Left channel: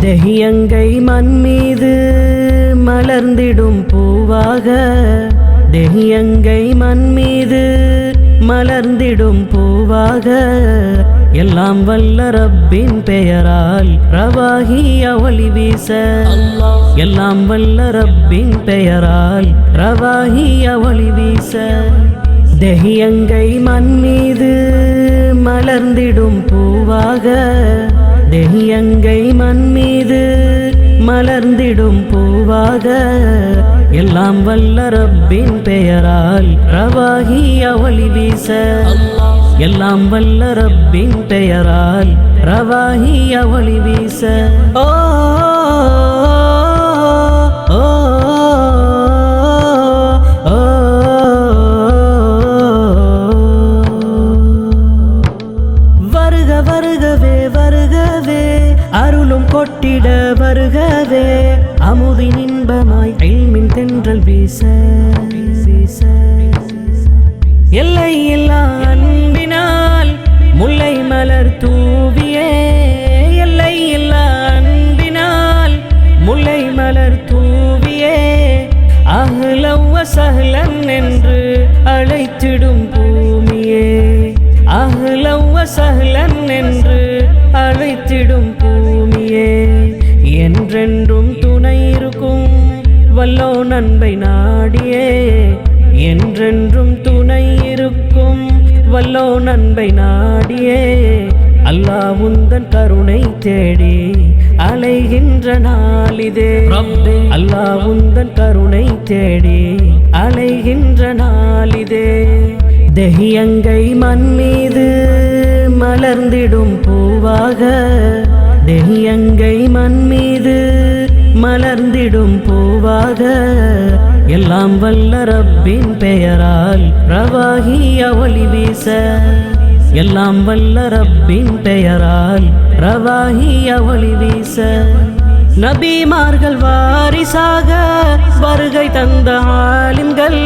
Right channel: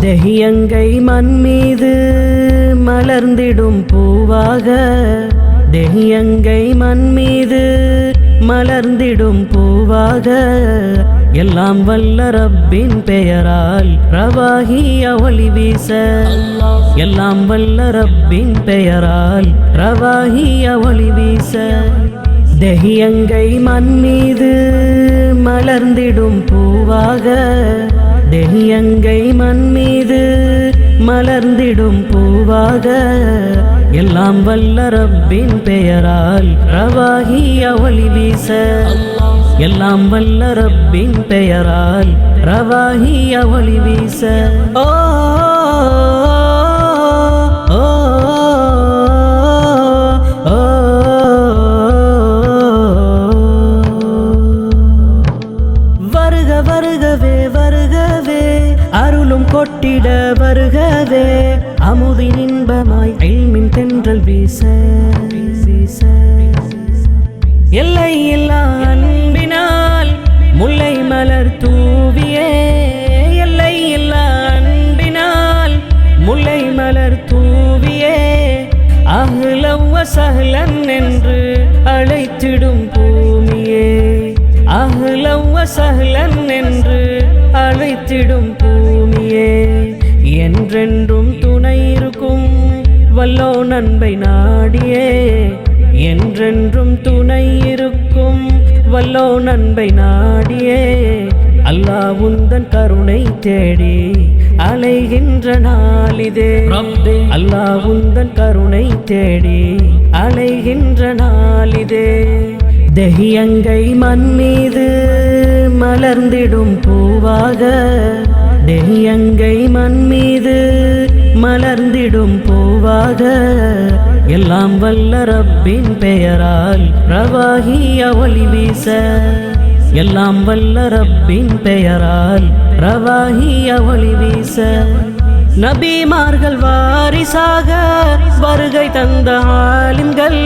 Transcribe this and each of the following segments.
தெஹியங்கை மண் மீது மலர்ந்திடும் பூவாக தெஹியங்கை மண் மீது மலர்ந்திடும் பூவாக. எல்லாம் வல்ல ரப்பின் பெயரால் ரவாகி அவளி வீச. எல்லாம் வல்ல ரப்பின் பெயரால் ரவாகி அவளி வீச. தெஹியங்கை மண் மீது மலர்ந்திடும் பூவாக. தெய்யங்கை மண் மீது மலர்ந்திடும் பூவாக. எல்லாம் வல்ல ரப்பின் பெயரால் ரவாகி அவளி வீச. எல்லாம் வல்ல ரப்பின் பெயரால் ரவாகி அவளி வீச. ஓ, வருகவே வருகவே. அருளும் கொட்டிட வருகவே. அமுதின் இன்பமாய் ஐமின் தென்றல் வீச வீச. எல்லை இல்லா அன்பினால் முல்லை மலர் தூவியே. எல்லை அன்பினால் முல்லை மலர் தூவியே. அஹ்லவ என்று அழைத்திடும் பூமியே. அஹ்லவ சஹ்லன் என்று அழைத்திடும் பூமியே. என்றென்றும் துணை இருக்கும் வல்லோ நண்பை நாடியே. என்றென்றும் துணை இருக்கும் வல்லோ நண்பை நாடியே. அல்லாஹ் உந்தன் கருணை தேடி அலைகின்ற நாளிதே. அல்லாஹ் உந்தன் கருணை தேடி அலைகின்ற நாளிதே. தெஹியங்கை மண்மீது மலர்ந்திடும் பூவாக தெஹியங்கை மண்மீது மலர்ந்திடும் பூவாக எல்லாம் வல்ல ரப்பின் பெயரால் பிரவாகி அவளி வீச. எல்லாம் வல்ல ரப்பின் பெயரால் பிரவாகி அவளி வீச. நபிமார்கள் வாரிசாக வருகை தந்த ஆலிம்கள்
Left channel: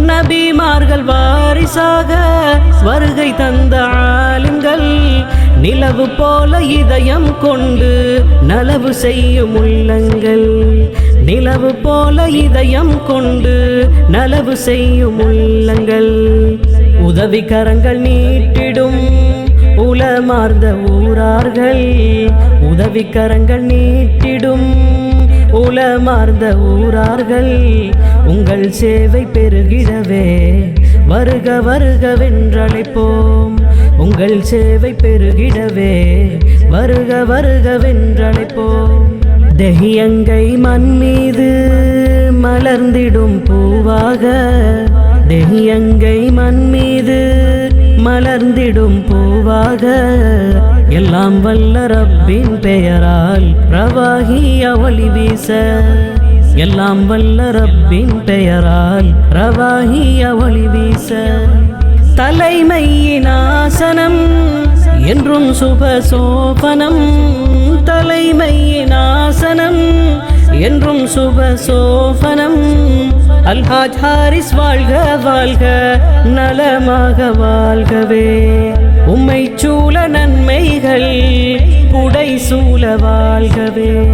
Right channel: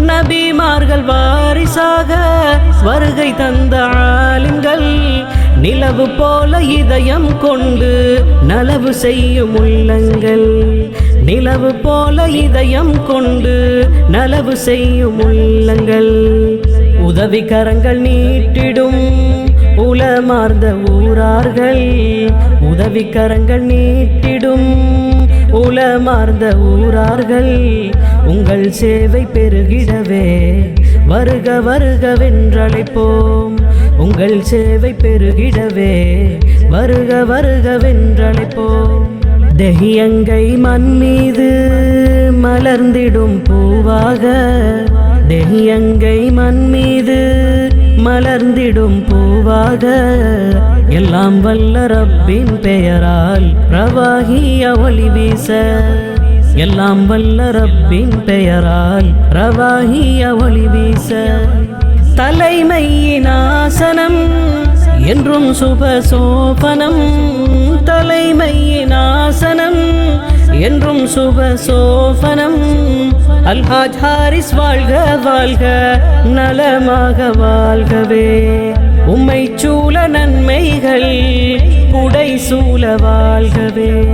நபிமார்கள் வாரிசாக வருகை தந்த ஆலிம்கள் நிலவு போல இதயம் கொண்டு நலவு செய்யும் உள்ளங்கள். நிலவு போல இதயம் கொண்டு நலவு செய்யும் உள்ளங்கள். உதவி கரங்கள் நீட்டிடும் உலமார்ந்த ஊரார்கள் உதவி கரங்கள் நீட்டிடும் உலமார்ந்த ஊரார்கள் உங்கள் சேவை பெருகிடவே. வருக வருக வென்றழைப்போம். உங்கள் சேவை பெருகிடவே. வருக வருக வென்றழைப்போம். தெஹியங்கை மண் மீது மலர்ந்திடும் பூவாக. தெஹியங்கை மண் மீது மலர்ந்திடும் பூவாக. எல்லாம் வல்ல ரப்பின் பெயரால் பிரவாகி அவளி வீச. எல்லாம் வல்ல ரப்பின் பெயரால் பிரவாகி அவளி வீச. தலைமையின் ஆசனம் என்றும் சுப சோபனம் தலைமையின் ஆசனம் என்றும் சுப சோபனம். அல்ஹாஜ் ஹாரிஸ் வாழ்க வாழ்க நலமாக வாழ்கவே. உம்மை சூழ நன்மைகள் புடை சூழ வாழ்கவே.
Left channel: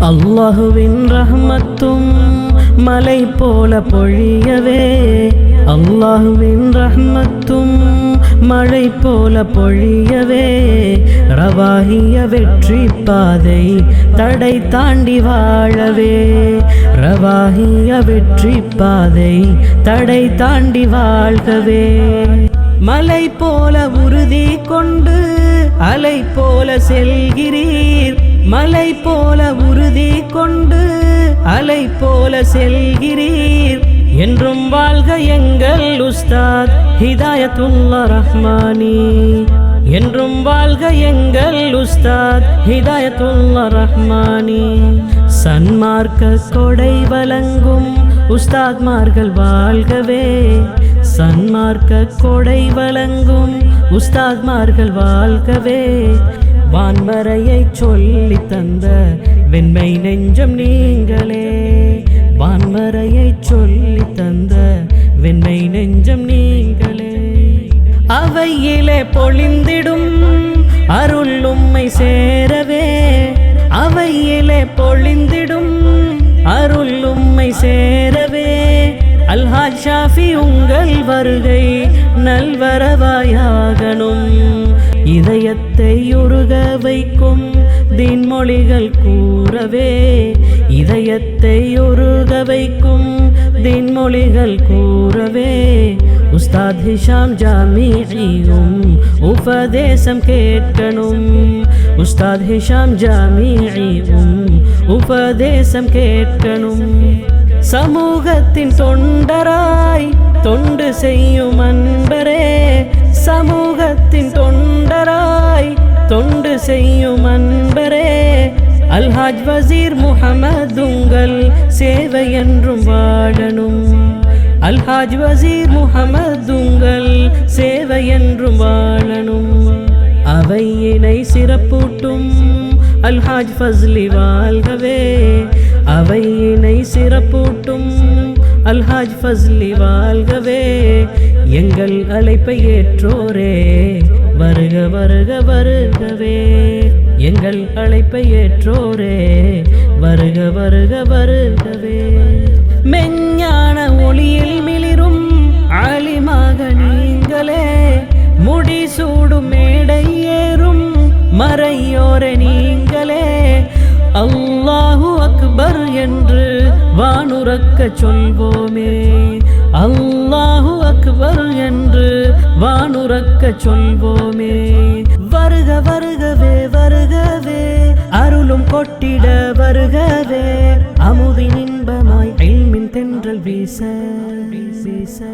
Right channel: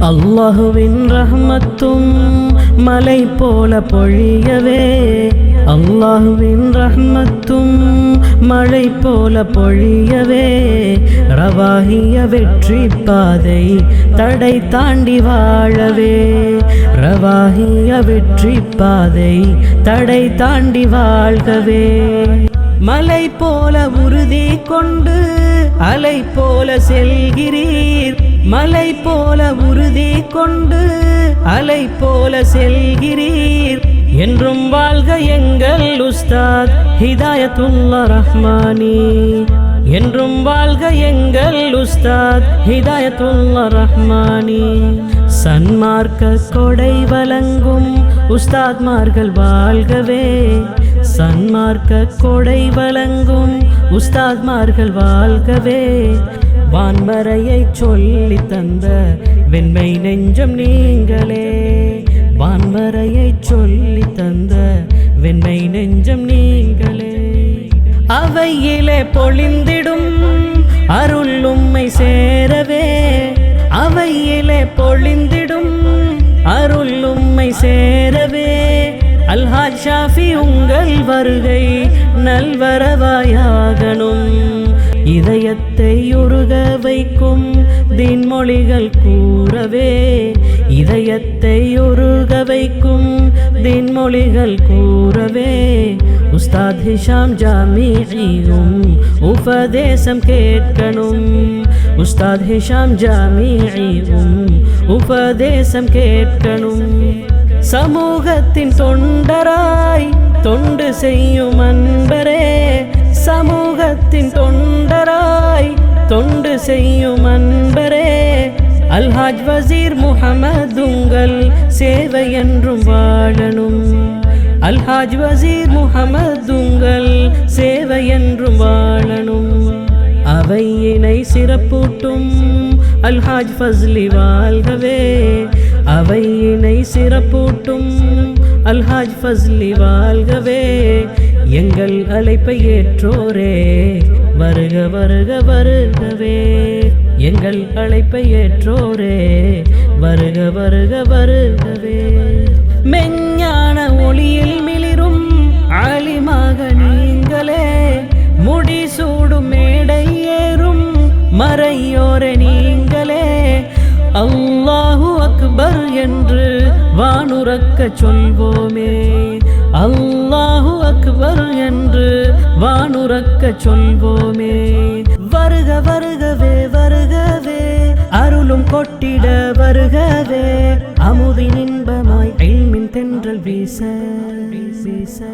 அல்லாஹுவின் ரஹ்மத்தும் மலை போல பொழியவே. அல்லாஹுவின் ரஹ்மத்தும் மழை போல பொழியவே. ரவாகிய வெற்றி பாதை தடை தாண்டி வாழவே. ரவாகிய வெற்றி பாதை தடை தாண்டி வாழ்கவே. மலை போல உறுதி கொண்டு அலை போல செல்கிறீர். மலை போல உறுதி கொண்டு அலை போல செல்கிறீர். என்றும் வாழ்க எங்கள் உஸ்தாத் ஹிதாயத்துல்லா ரஹ்மானி. என்றும் வாழ்க எங்கள் உஸ்தாத் ஹிதாயத்துல்லா ரஹ்மானி. சன்மார்க்க கொடை வழங்கும் உஸ்தாத்மார்கள் வாழ்கவே. சன்மார்க்க கொடை வழங்கும் உஸ்தாத்மார்கள் வாழ்கவே. வான்மறையை சொல்லி தந்த வெண்மை நெஞ்சம் நீங்களே. வான்மறையை சொல்லி தந்த வெண்மை நெஞ்சம் நீங்களே. அவையிலே பொழிந்திடும் அருள் உம்மை சேரவே. அவையிலே பொழிந்திடும் அருள் உம்மை சேரவே. அல்ஹாஜ் ஷாஃபி உங்கள் வருகை நல்வரவாயாகணும். இதயத்தை உருக வைக்கும் தின்மொழிகள் கூறவே. இதயத்தை உருக வைக்கும் தின்மொழிகள் கூறவே. உஸ்தாத் ஹிஷாம் ஜாமியும் உபதேசம் கேட்கணும். உஸ்தாத் ஹிஷாம் ஜாமியும் உபதேசம் கேட்கணும். சமூகத்தின் தொண்டராய் தொண்டு செய்யும் அன்பரே சமூகத்தின் தொண்டராய் தொண்டு செய்யும் அன்பரே. அல்ஹாஜ் வசீர் முகமது உங்கள் சேவை என்றும் வாழணும். அல்ஹாஜ் வசீர் முகமது உங்கள் சேவை என்றும் வாழணும். அவையினை சிறப்பூட்டும். அல்ஹாஜ் ஃபஸ்லி வாழ்கவே. அவையினை சிறப்பூட்டும் அல்ஹாஜ் ஃபஸ்லி வாழ்கவே. எங்கள் அழைப்பை ஏற்றோரே. வருக வருக வருகவே. எங்கள் அழைப்பை ஏற்றோரே. வருக வருக வருகவே. மெஞ்ஞான ஒளியில் மிளிரும் ஆலிமாக நீங்களே. முடிசூடும் மேடை ஏறும் மறையோர நீங்களே. அல்லாஹு அக்பர் என்று வானுறக்க சொல்வோமே. அல்லாஹு அக்பர் என்று வானுறக்க சொல்வோமே. வருக வருகவே வருகவே அருளும் கொட்டிட வருகவே அமுதின் இன்பமாய் ஐமின் தென்றல் வீச வீச.